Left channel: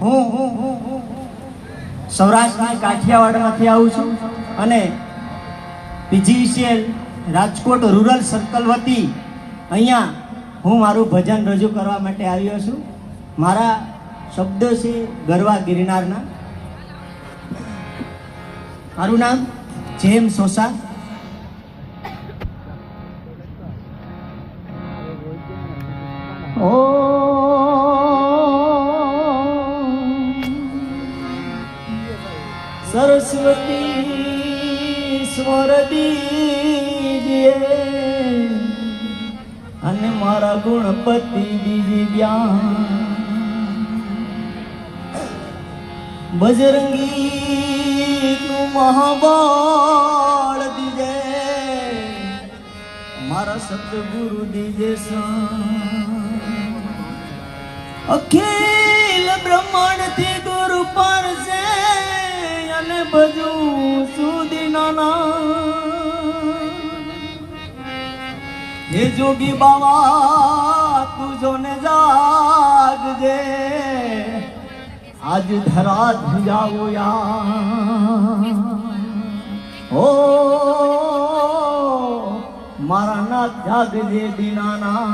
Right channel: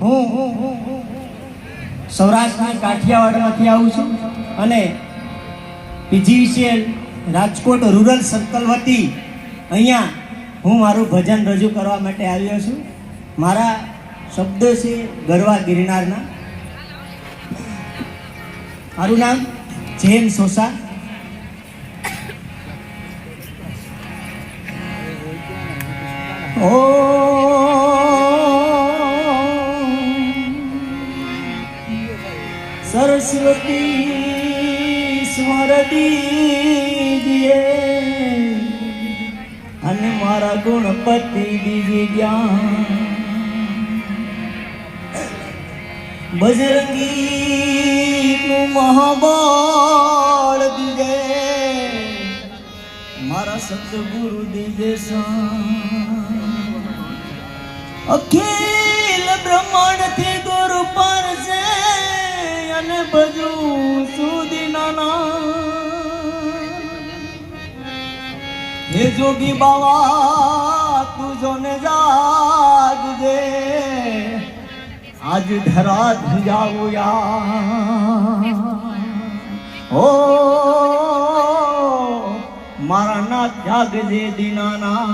હું સૌરાષ્ટ્રના કાઠિયાવાડમાંથી આવું છું અને પીજીવીસીએલ રાજકોટ રૂરલ સર્કલ વતી અહીંયા હું મારું ભજન રજૂ કરવા માટે આવ્યો છું. મારા શબ્દો છે ગરવા ગિરનારના. મારું નામ જેમ સોસા. ઓ સરસ્વતી સ્વર દીજે અને મારા ગુણપતિ દીજે જ્ઞાન. બજરંગી નું મહાબળ દીજે મારા સતગુરુ દીજે શાન. અખિલ બ્રહ્માંડ થી ગુરુ પર છે અને બધું સુધી નાના. હે જોગી બાવા તું જો ને જાગજે આજ ધરા ધ્યાવો યા. ઓ મારા નાથ જાગજે દીનાના.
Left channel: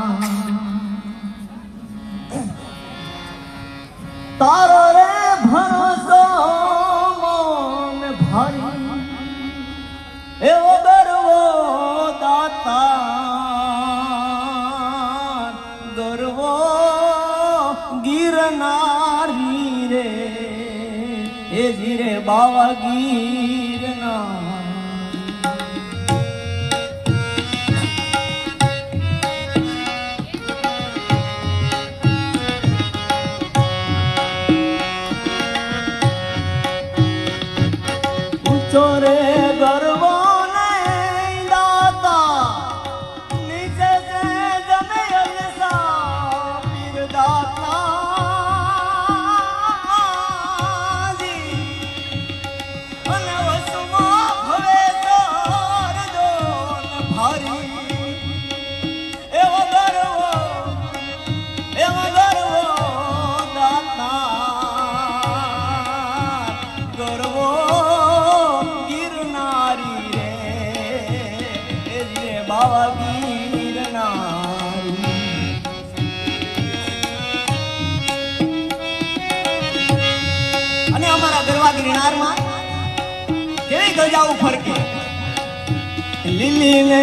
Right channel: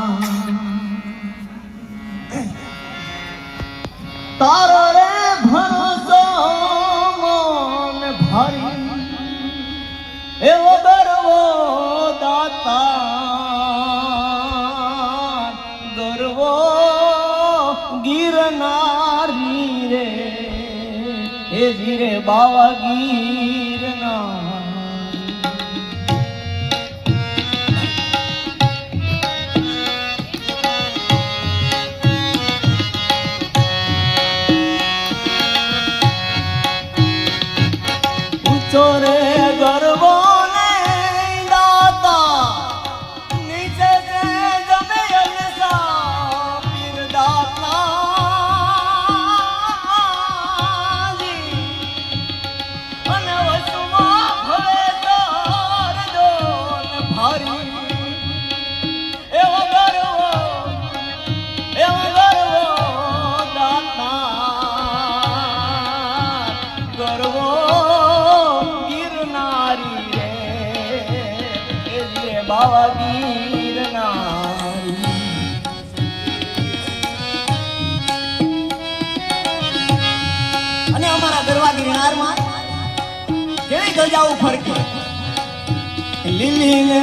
તારો રે ભરોસો મન ભાઈ એવો ગરવો દાતા ગરવો ગિરનારી રે એ જીરે બાવા ગિરનાર. ચોરે ગરબો ને દાતા નીચે છે જમે અલસા પીર દાતા જી અને વસમાં ભલે તાર દોન ભારી એવો ગરવો દાતા ગરવો બાવા ગિરનારી. અને અમારા ગરવા ગિરનારમાં કેવી ધજાઓ ફરકે લીલી ને